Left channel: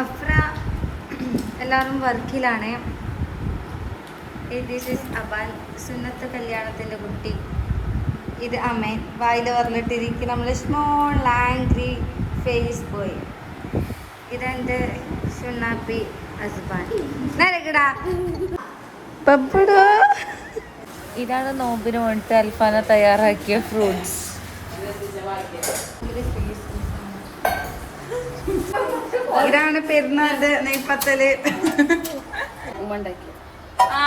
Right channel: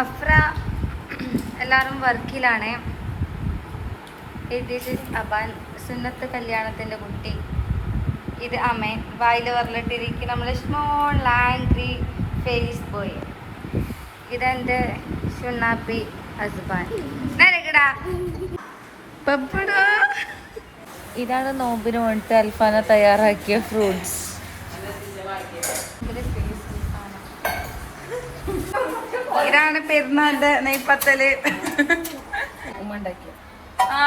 AHPRA എല്ലാവരും വർക്കിലാണ്. This is Aban, സുന്നത്ത് കല്യാണത്തിൻ്റെ കുട്ടി. ഇത് അമേൻ, വായിൽ പറഞ്ഞിട്ടിരിക്കും നമ്മൾ സ്മോൾ ആംഗ്രി ഫേസ് ബോയ്. ഇതെൻ്റെ ഷുണ്ണാപ്പി അസ്ബാൻ. നേരക്കടാ പപ്പടാ. ഇതാണ് നോമ്പിന് വേണ്ടിയിട്ട് അൽഫാന തയ്യാറാക്കിയ ഫ്രൂട്ട്സ്. ഇതാണ് പെരുന്നാളിന്റെ നെയ്പ്പത്തല്.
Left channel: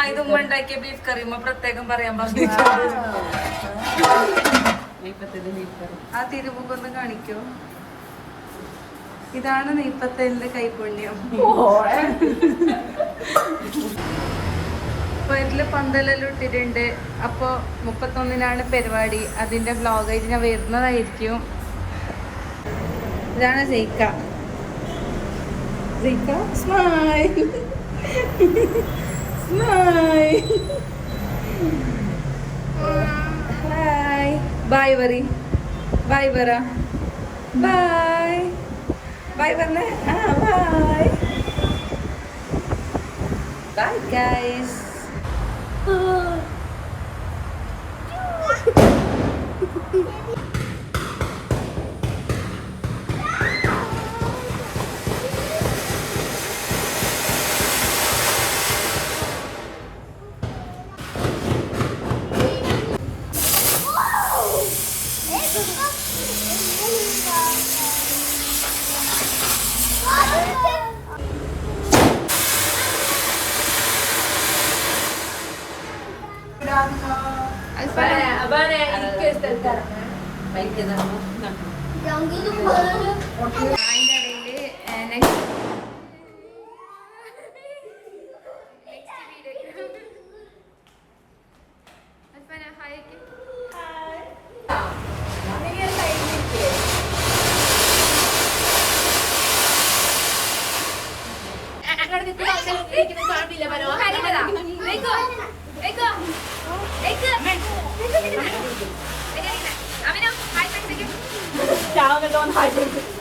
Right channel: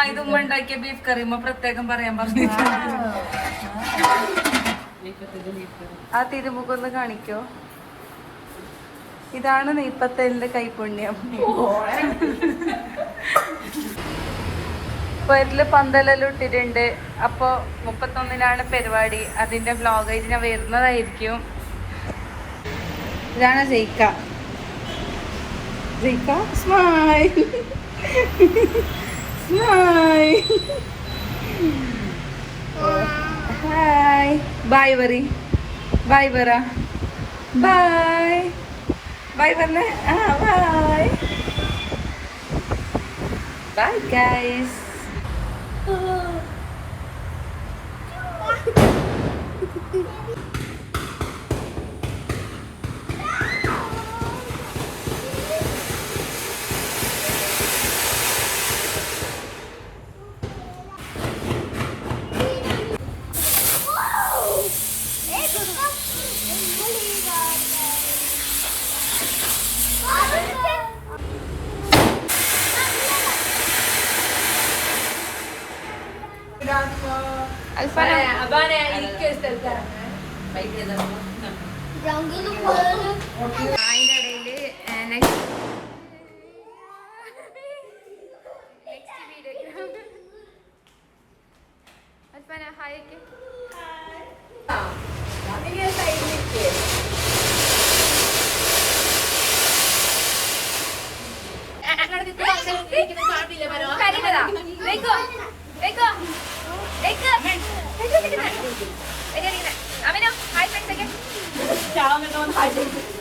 ഇത് ഉമ്മ ഉണ്ടാക്കിയ ബീഫ് കറി. ഉമ്മ പ്രത്യേകം പറയാൻ പറഞ്ഞിട്ടുണ്ട്. ആ തിരുമുഖൊന്ന് കാണിക്കോ. ഇതാണ് നെയ്പ്പത്തലിന്റെ കൈപുണ്യം. പേരില് പന്തലെല്ലാം ഇട്ടിട്ടുണ്ട്. അപ്പോൾ 31-നാണ് പരിപാടി. അതിന്റെ വ്ലോഗായിട്ട് ഞാൻ വരുന്നതായിരിക്കും. ഇതാണ് ജയിക്ക. Smile smile. ഹായ് ബൈ പറ. ബൈ പറ. ബൈ ബൈ പറഞ്ഞേ. Bye bye guys. അതിൻ്റെ ഇടയിൽ Ciao,